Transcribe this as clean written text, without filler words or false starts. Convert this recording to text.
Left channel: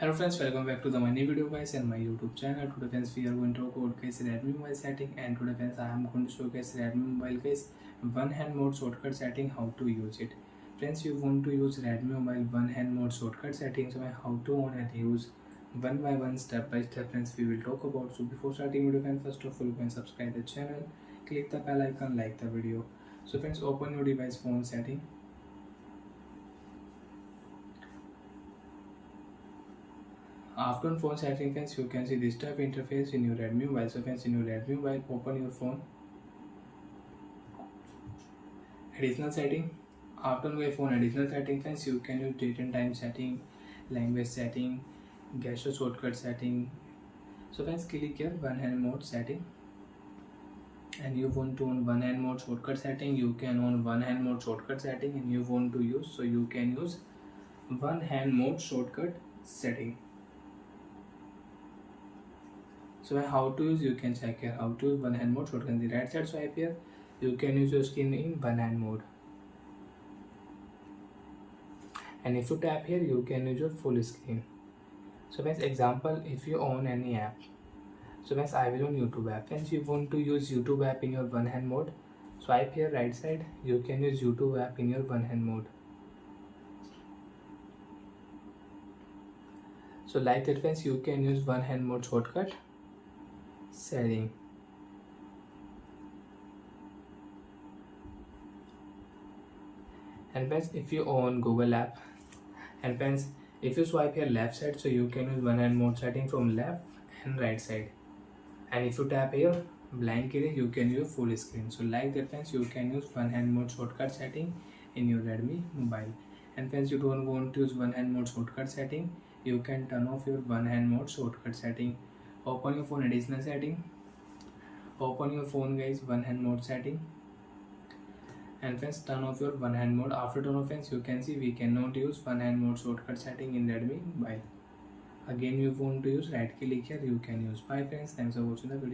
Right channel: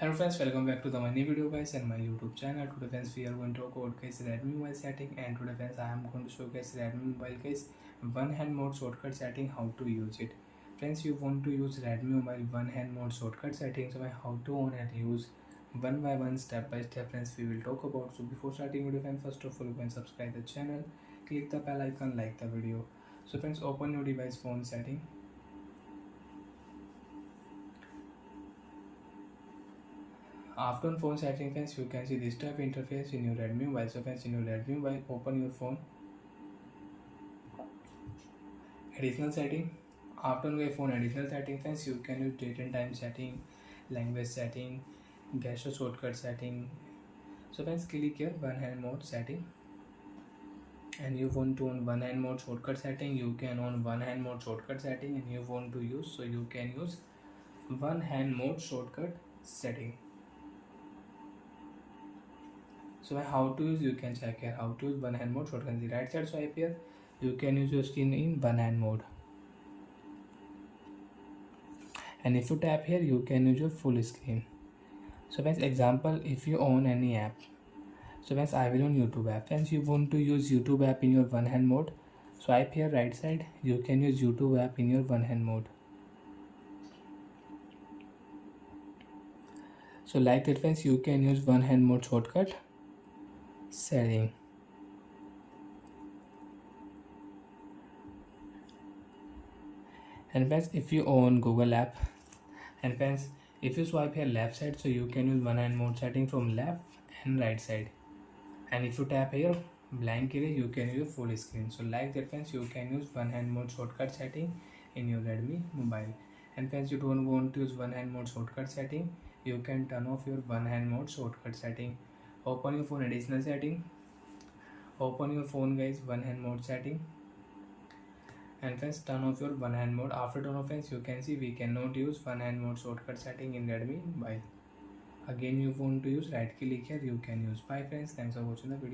Hello friends, welcome back to the new video guys and my YouTube channel. Today friends we are going to talk about guys Redmi mobile setting, and today friends I am going to show guys Redmi mobile guys one hand mode shortcut setting, how to use it. Friends, you want to use Redmi mobile one hand mode shortcut setting, so how to on and use one by one, step by step friends we will talk about. So before starting video friends, first of all you can subscribe the channel, click the bell icon, like the video. So friends, open your device phone setting. After phone setting friends, you can see this type of interface in your Redmi mobile. So friends, in your Redmi mobile, open your phone, additional setting. After your phone additional setting friends, you can use date and time setting, language setting, gesture shortcut setting. So friends, click here one hand mode setting, and you want to on one hand mode shortcut setting, you can on one hand mode shortcut setting, and you want to use, so you can use one hand mode shortcut setting. So how to use, you can check here how to use one hand mode shortcut. The right side swipe here, you can use your screen in one hand mode, and if you tap here you can use your full screen. So friends, example, if you own any app, so friends I will on YouTube app. Friends, you want to use YouTube app in your one hand mode, swipe here right side, you can use YouTube app in your one hand mode. So like that friends, you can use one hand mode shortcut setting. And friends, if you own Google app, and friends if you swipe here left side, so you can use one hand mode setting from left and right side, and if you tap here blank area, you can use full screen. So like that friends, you can use one hand mode shortcut setting in your Redmi mobile. And friends, you don't want to use one hand mode shortcut setting, you can turn off your one hand mode shortcut setting. Open your phone additional setting, open your phone guys one hand mode setting, and friends turn off your one hand mode. After turn off friends, you can see we cannot use one hand mode shortcut setting in Redmi mobile. Again you want to use, right click here, you can use. Bye friends, thanks for watching the video.